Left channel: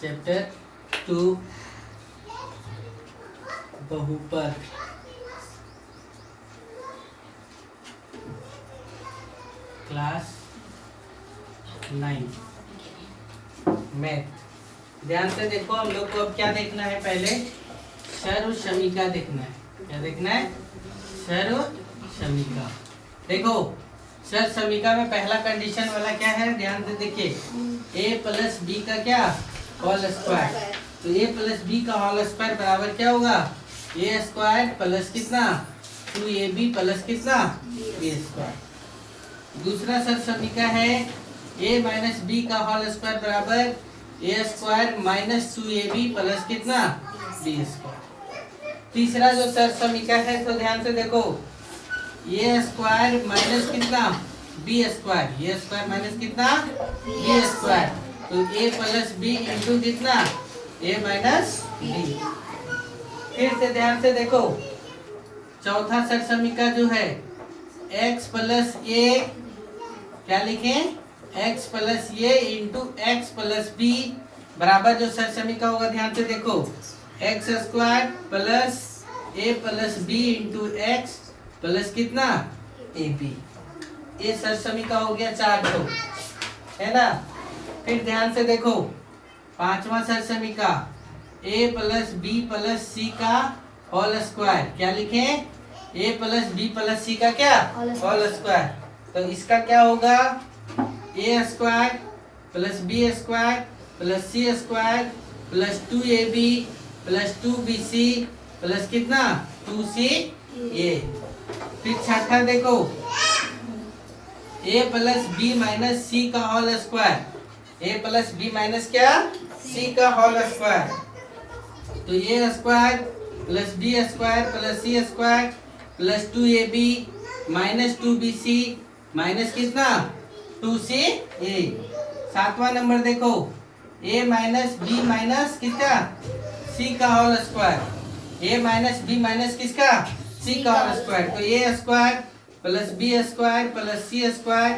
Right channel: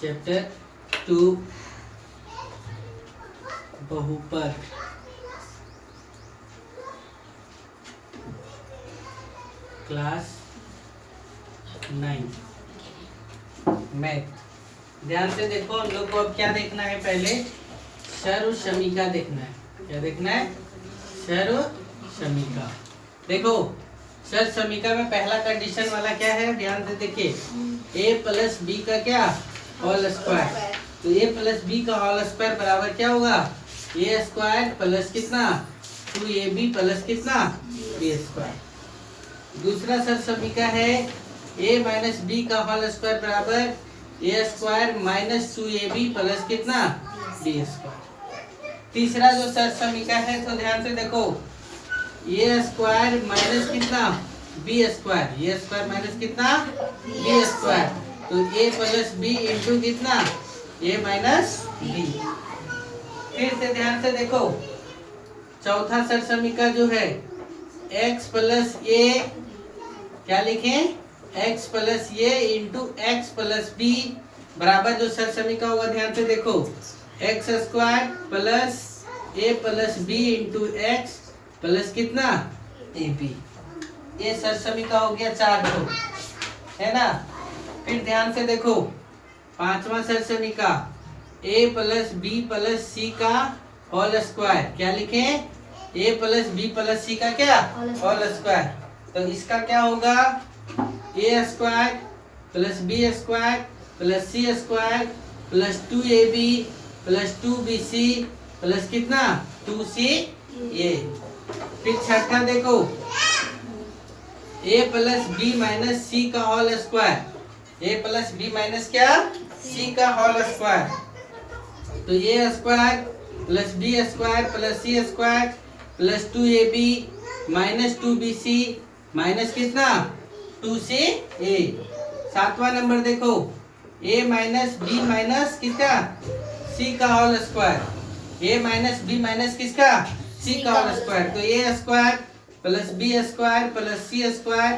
Chapter 2 बहुपद। Class 9 math. ध्यान से देखो, हम लोग को अब क्या देखना है? पहले सर्व समीका देखना है। क्या देखना है? सर्व समीका। देखो सर्व समीका में पहला कंडीशन वाला क्या है? ध्यान से देखिए, a प्लस बी का क्या होल स्क्वायर। तो a प्लस बी का होल स्क्वायर बराबर क्या होगा? a स्क्वायर प्लस कितना 2ab प्लस कितना b स्क्वायर। दूसरा सर्व समीका है a माइनस बी का होल स्क्वायर बराबर a square minus 2ab plus कितना b स्क्वायर। तीसरा जो सर्व समीका है, तो ध्यान से देखो, a स्क्वायर माइनस कितना b square, a square minus कितना b स्क्वायर। तो a प्लस बी इंटू कितना a माइनस b। फिर से ध्यान से देखो, चौथा सर्व समीका जो है x प्लस a, क्या लिखें? x plus a into X plus B बराबर जो सर्व समीका होगा, ध्यान से देखो, X square plus a plus B into X plus कितना ए बी। ये सर्व समीका हो गया 4 को, है ना। फिर ध्यान से देखो, पांचवा सर्व समीका a plus B plus C का होल स्क्वायर, क्या लिखें? a plus B plus C का क्या होल स्क्वायर। तो इसका क्या होगा? a square plus B square plus C square plus 2ab plus 2bc plus कितना 2ca। फिर छठा देखो, a plus B minus C का whole square, a plus B minus क्या c का होल स्क्वायर। तो a square plus B square plus C square plus 2ab minus 2bc minus कितना 2ca। सातवां नंबर देखो, a माइनस बी माइनस किसका c का whole square, a minus b minus किसका c का होल स्क्वायर। तो a square plus B square plus C square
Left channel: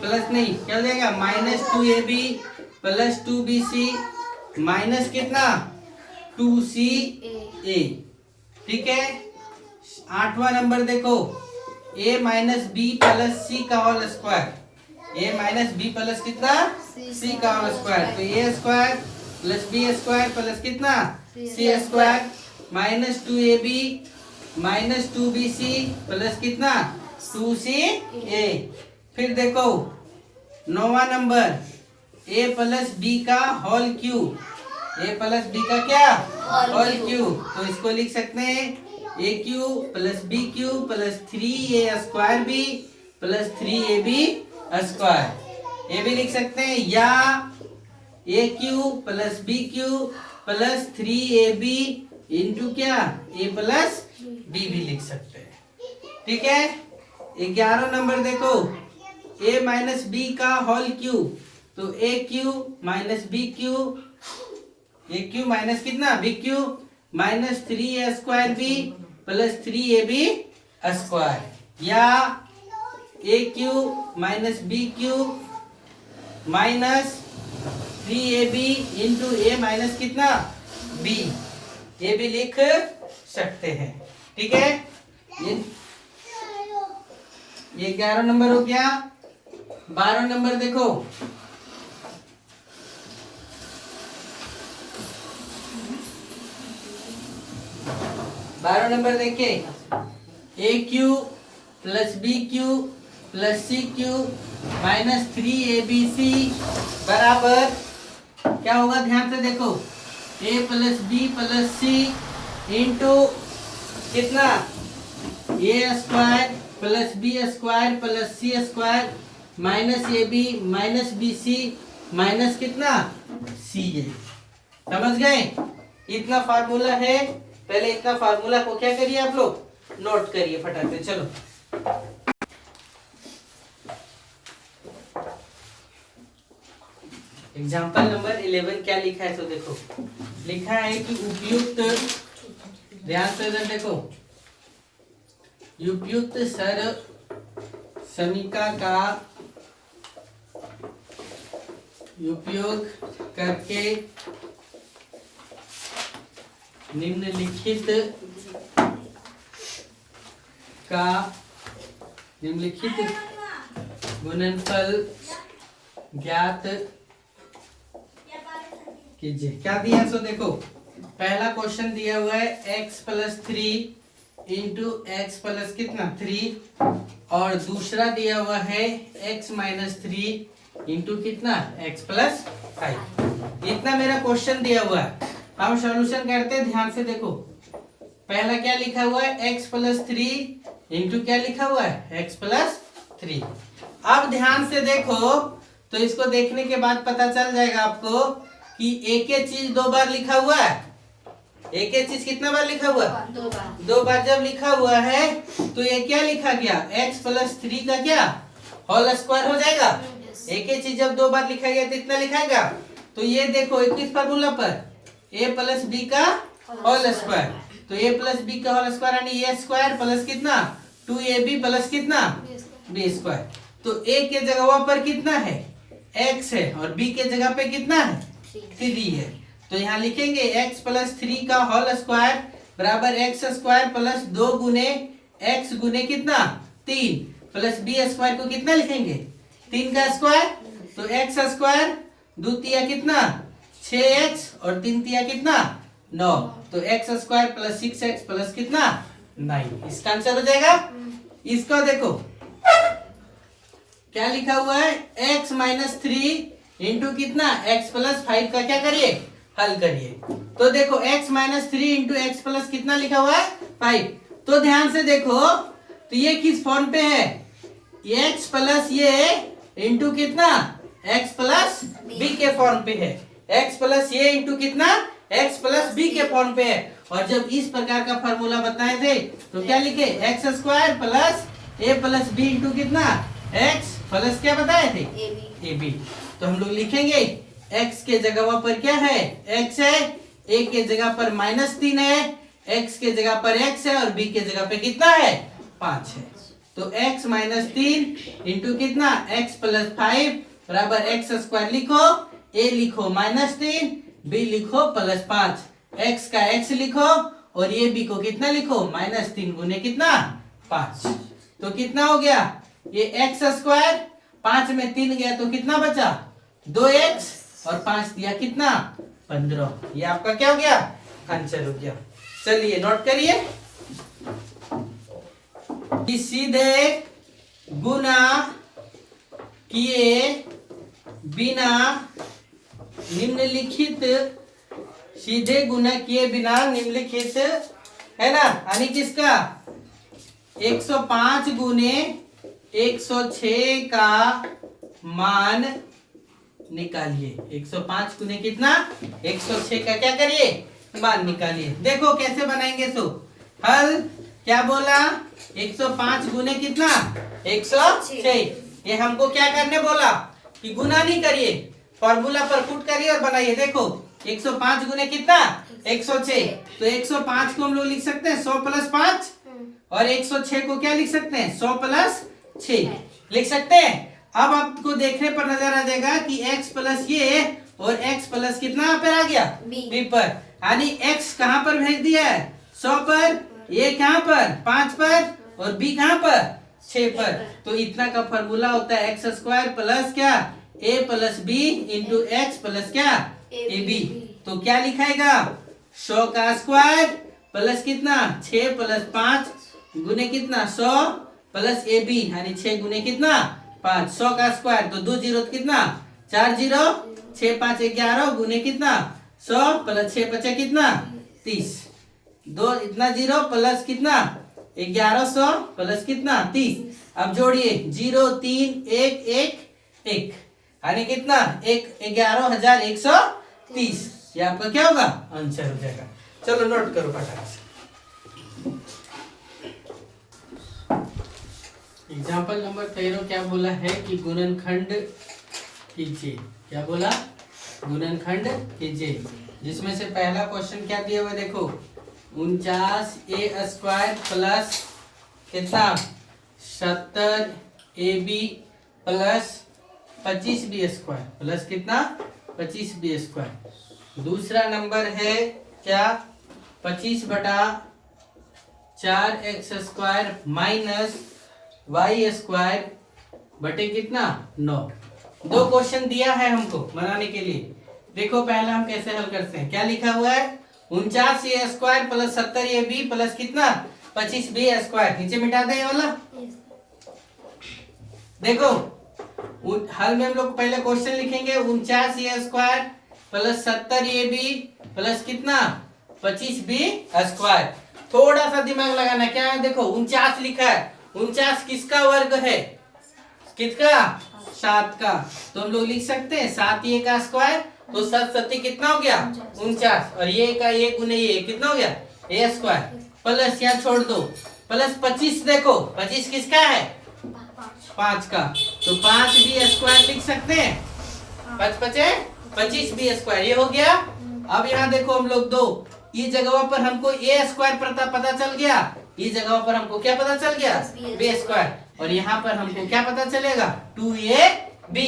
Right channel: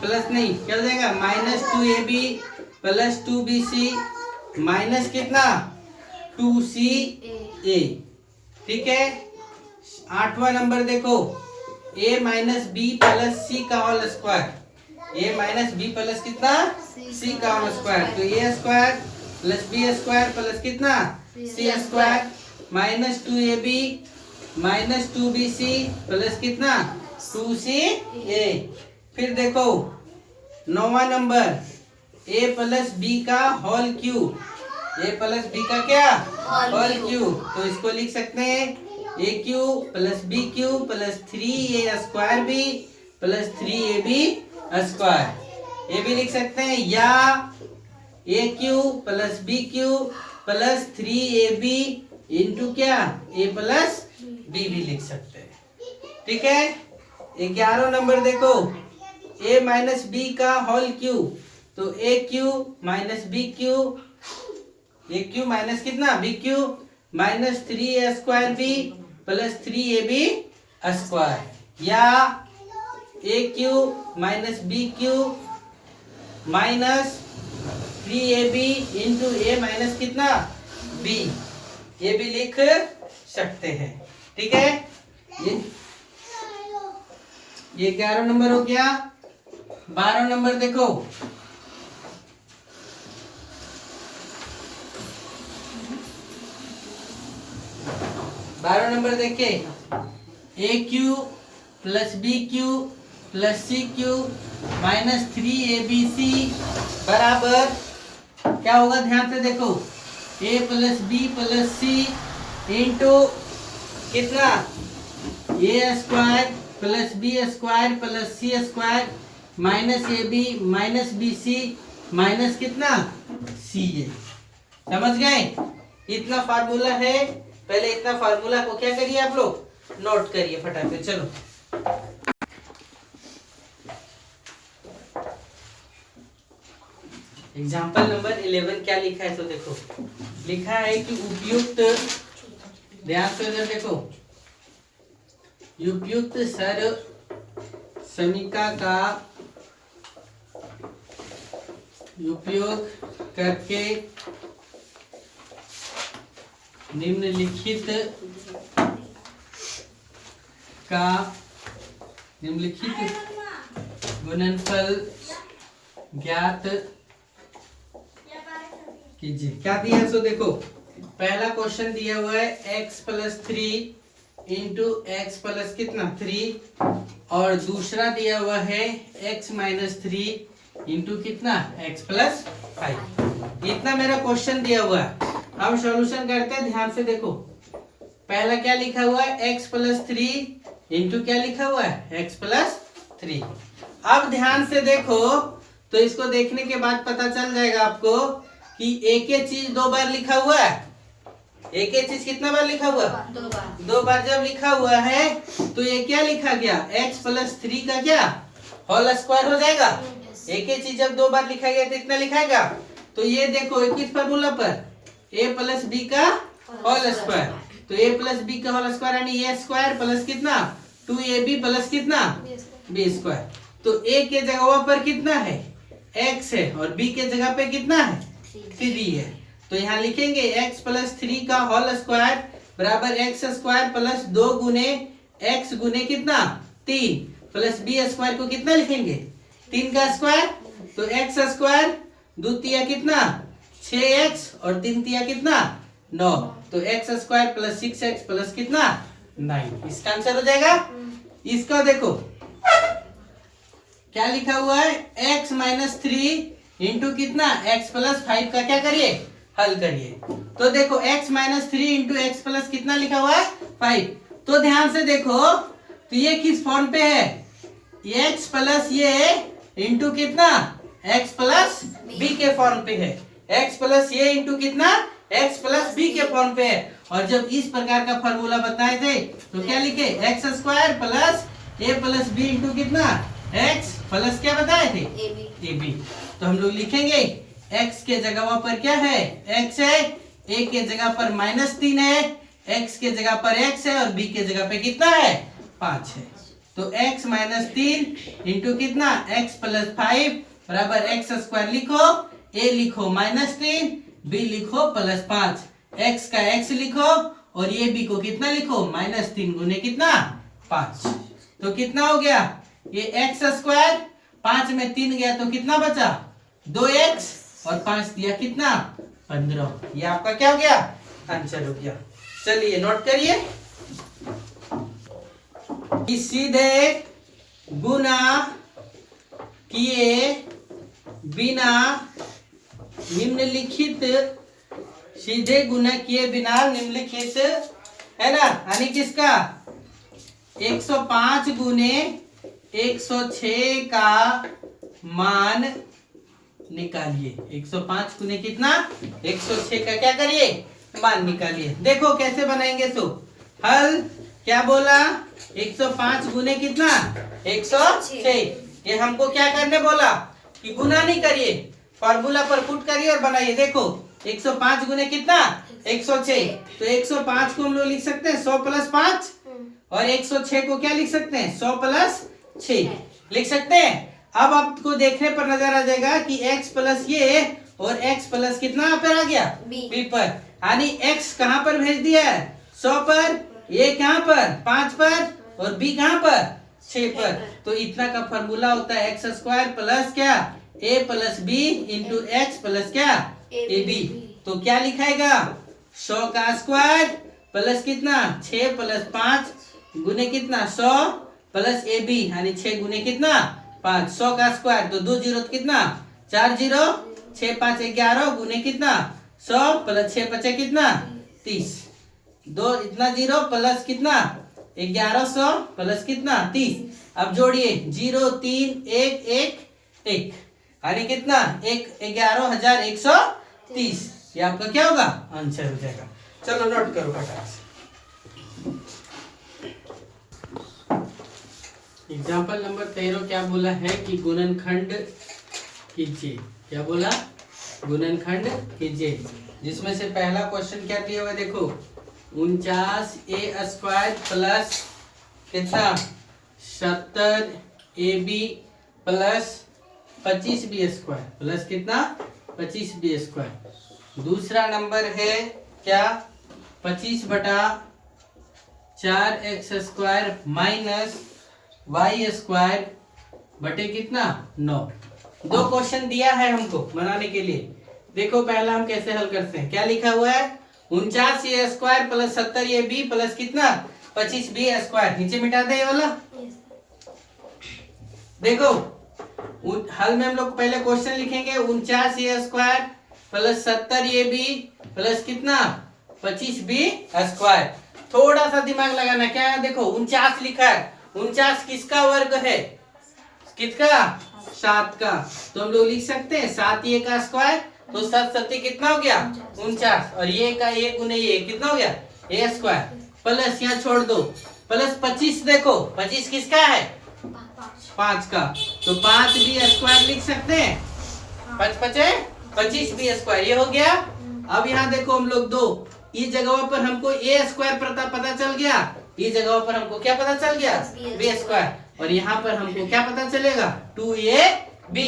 plus नहीं क्या हो जाएगा minus 2ab plus 2bc minus कितना 2ca। ठीक है। आठवां नंबर देखो, a minus B plus C का whole square, a minus B plus कितना c का होल स्क्वायर। तो a square plus B square plus कितना c square minus 2ab minus 2bc plus कितना 2ca। फिर देखो नौवां नंबर, a प्लस बी का whole cube, a plus B का क्या होल क्यूब। तो इसको लिख सकते हैं a cube plus B cube plus 3a square b plus 3ab square. ये भी लिख सकते हैं, या a cube plus B cube plus 3ab into क्या a प्लस b भी लिख सकते हैं। ठीक है। 11वां नंबर देखो, a माइनस बी का होल क्यूब, तो a cube minus B cube, a cube minus कितना b cube minus 3a square b plus 3ab square, या a cube minus B cube minus 3ab into a minus कितना b, ये भी लिख सकते हैं। ठीक है। ये 11 नंबर हो गया। 12 नंबर देखो, देखिए, a cube plus B cube plus C cube minus 3abc बराबर क्या होगा? ध्यान से देखो, a plus B plus C into कितना a square plus B square plus C square minus ab minus bc minus कितना ca। समझ गए? इतना फार्मूला है। पहले इतना फार्मूला को क्या करिए आप लोग नोट करिए फटाफट से। चलो एग्जाम्पल नंबर 11 क्या लिखा है? तो देखो लिखा है कि उपयुक्त, ध्यान से इधर देखो, उपयुक्त सर्व समीका का उपयोग करके निम्नलिखित गुणनफल ज्ञात कीजिए। क्या दिया सो देखो, पहला क्वेश्चन दिया हुआ है x+3 इंटू एक्स प्लस कितना 3, और दूसरा दिया हुआ है x-3 इंटू कितना x+5। इतना मेरा क्वेश्चन दिया हुआ है। हम सॉल्यूशन करते हैं, ध्यान से देखो। पहला क्या लिखा हुआ है x+3 इंटू क्या लिखा हुआ है x+3। अब ध्यान से देखो तो इसको देखने के बाद पता चल जाएगा आपको कि एक ही चीज दो बार लिखा हुआ है। एक ही चीज कितना बार लिखा हुआ है? दो बार जब लिखा हुआ है तो ये क्या लिखा गया x+3 का क्या होल स्क्वायर हो जाएगा। एक ही चीज जब दो बार लिखा गया तो इतना लिखाएगा। तो ये देखो किस फार्मूला पर a+b का होल स्क्वायर। तो a+b का होल स्क्वायर यानी a स्क्वायर प्लस कितना 2ab प्लस कितना b स्क्वायर। तो a के जगह पर कितना है x है और b के जगह पे कितना है 3 है। तो यहाँ लिखेंगे x+3 का होल स्क्वायर बराबर x स्क्वायर प्लस 2 गुने x गुने कितना 3 प्लस b स्क्वायर को कितना लिखेंगे 3 का स्क्वायर। तो x स्क्वायर 2 तिया कितना 6x और 3 तिया कितना 9। तो x square plus 6x plus कितना 9, इसका आंसर हो जाएगा। इसका देखो क्या लिखा हुआ है x-3 इंटू कितना x+5 का क्या करिए हल करिए। तो देखो x-3 इंटू एक्स प्लस कितना लिखा हुआ है 5। तो ध्यान से देखो तो ये किस फॉर्म पे है x प्लस ये इंटू कितना x प्लस b के फॉर्म पे है। x प्लस ये इंटू कितना x प्लस b के फॉर्म पे है। और जब इस प्रकार का फॉर्मूला बताए थे तो क्या लिखे एक्स स्क्वायर प्लस a प्लस b इंटू कितना x प्लस क्या बताए थे ab। तो हम लोग लिखेंगे x के जगह पर क्या है x है, a के जगह पर -3 है, x के जगह पर x है और b के जगह पे कितना है 5 है। तो x-3 इंटू कितना x+5 बराबर एक्स स्क्वायर लिखो, a लिखो -3, b लिखो +5, x का x लिखो और ये b को कितना लिखो -3 गुने कितना 5। तो कितना हो गया ये x स्क्वायर 5 में 3 गया तो कितना बचा 2x और 5 दिया कितना 15। ये आपका क्या हो गया आंसर हो गया। चलिए नोट करिए कि सीधे गुना किए बिना निम्नलिखित सीधे गुना किए बिना निम्नलिखित है ना, यानी किसका 105 गुने 106 का मान निकालिए। 105 गुने कितना 106 का क्या करिए मान निकालिए। देखो कैसे बनाएंगे। तो हल क्या बोला 105 गुने कितना 106। ये हमको क्या करने बोला कि गुना नहीं करिए, फॉर्मूला पर पुट करिए और बनाइए। देखो 105 गुने कितना 106। तो 105 को हम लोग लिख सकते हैं 100 + 5 और 106 को क्या लिख सकते हैं 100 + 6 लिख सकते हैं। अब आपको देखने पर नजर आ जाएगा कि x प्लस ये और x प्लस कितना यहाँ पर आ गया b पर, यानी x कहाँ पर भेज दिया है 100 पर, ये कहाँ पर 5 पर और b कहाँ पर 6 पर। तो इतना का फॉर्मूला होता है एक्स स्क्वायर प्लस क्या a प्लस b इंटू एक्स प्लस क्या ए बी। तो क्या लिखाएगा 100 का स्क्वायर प्लस कितना 6 + 5 गुने कितना 100 प्लस ए बी यानी 6 गुने कितना 5। 100 का स्क्वायर तो 2 जीरो कितना 4 जीरो 6 5 11 गुने कितना 100 प्लस 6 5 कितना 30। 2 इतना जीरो प्लस कितना 1100 प्लस कितना 30। अब जोड़िए 0 3 1 1 1 यानी कितना 11,130। ये आपका क्या होगा आंसर हो जाएगा। चलो नोट करो फटाक से। एग्जाम्पल नंबर 13 क्या बोला है कि गुणनखंड कीजिए। क्या बोला गुणनखंड कीजिए, जिसमें से पहला क्वेश्चन क्या दिया हुआ देखो 49a² प्लस कितना 70ab प्लस 25b² प्लस कितना 25b²। दूसरा नंबर है क्या 25/4x² माइनस y² बटे कितना 9। दो क्वेश्चन दिया है हमको बनाने के लिए। देखो पहला हम कैसे हल करते हैं। क्या लिखा हुआ है 49a² प्लस 70ab प्लस कितना 25b²। नीचे मिटा दे ये वाला। देखो हल में हम लोग पहले क्वेश्चन लिखेंगे 49a² प्लस 70ab प्लस कितना 25b²। थोड़ा सा दिमाग लगाना। क्या है देखो 49 लिखा है। 49 किसका वर्ग है? किसका 7 का। तो हम लोग लिख सकते हैं 7a का स्क्वायर। तो 7 7 कितना हो गया 49 और ये का ये गुने ये कितना हो गया a² प्लस यहाँ छोड़ दो प्लस 25। देखो 25 किसका है 5 का। तो 5b² लिख सकते हैं। 5 5 25b²। ये हो गया। अब यहाँ देखो हम लोग दो इस जगह पर हमको a² पता चल गया। इस जगह पर हमको क्या पता चल गया b²। और यहाँ पर हमको क्या पता चलेगा 2ab।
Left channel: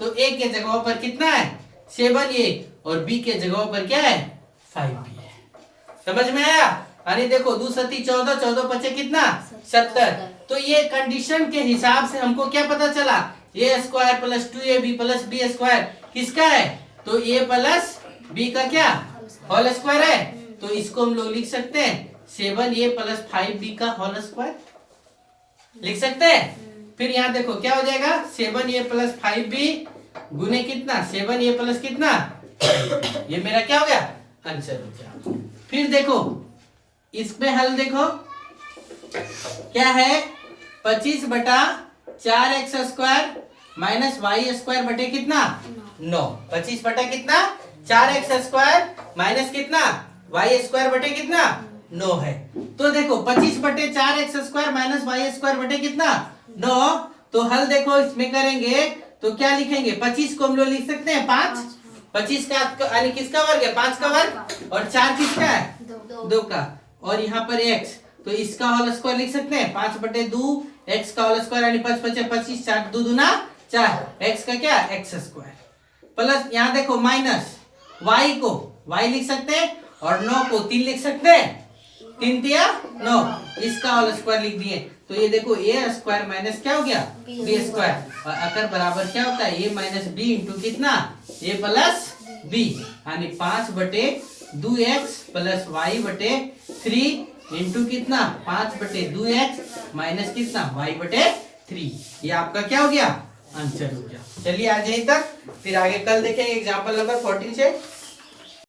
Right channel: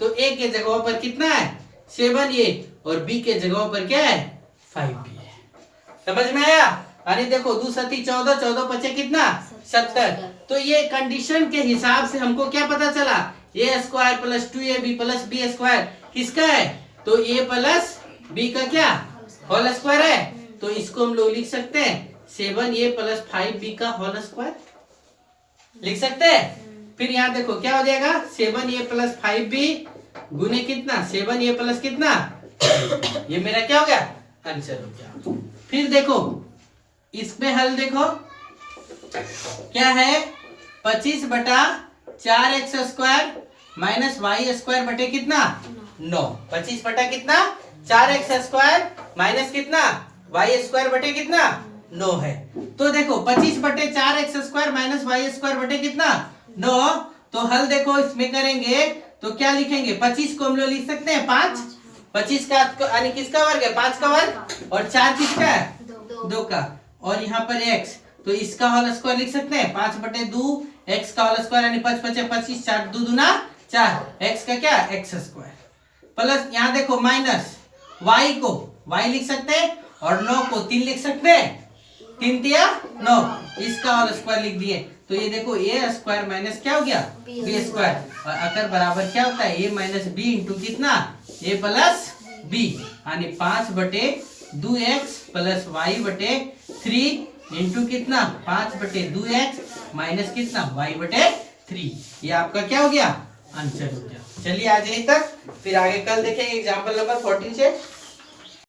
तो a के जगह पर कितना है 7a और b के जगह पर क्या है 5b है। समझ में आया? अरे देखो 2 7 14 14 5 कितना 70। तो ये कंडीशन के हिसाब से हमको क्या पता चला a² plus 2ab plus b² किसका है? तो a प्लस b का क्या होल स्क्वायर है। तो इसको हम लोग लिख सकते हैं 7a प्लस 5b का होल स्क्वायर लिख सकते हैं। फिर यहाँ देखो क्या हो जाएगा 7a प्लस 5b गुने कितना 7a प्लस कितना ये मेरा क्या हो गया आंसर हो गया। फिर देखो इसमें हल देखो क्या है 25/4x² माइनस y² बटे कितना 9। 25 बटा कितना 4x² माइनस कितना y² बटे कितना 9 है। तो देखो 25/4x² माइनस y² बटे कितना 9। तो हल देखो इसमें करेंगे तो क्या लिखेंगे 25 को हम लोग लिख सकते हैं 5। 25 का यानी किसका वर्ग है 5 का वर्ग और 4 किसका है 2 का। और यहाँ पर x तो इसका होल स्क्वायर लिख सकते हैं 5/2 x का होल स्क्वायर यानी 5 5 25 4 2 दूना 4 x का क्या x² प्लस यहाँ देखो माइनस y को y लिख सकते हैं और 9 को 3 लिख सकते हैं 3 तिया 9 इसका होल स्क्वायर लिख दिए। तो ये देखो a² माइनस क्या हो गया b² और अगर बराबर क्या होता है a माइनस b इंटू कितना a प्लस b यानी 5/2x प्लस y बटे 3 इंटू कितना 5/2x माइनस कितना y बटे 3। ये आपका क्या हो गया आंसर हो गया। चलिए आज यहीं तक, फिर आगे कल देखेंगे एग्जाम्पल नंबर 14 से।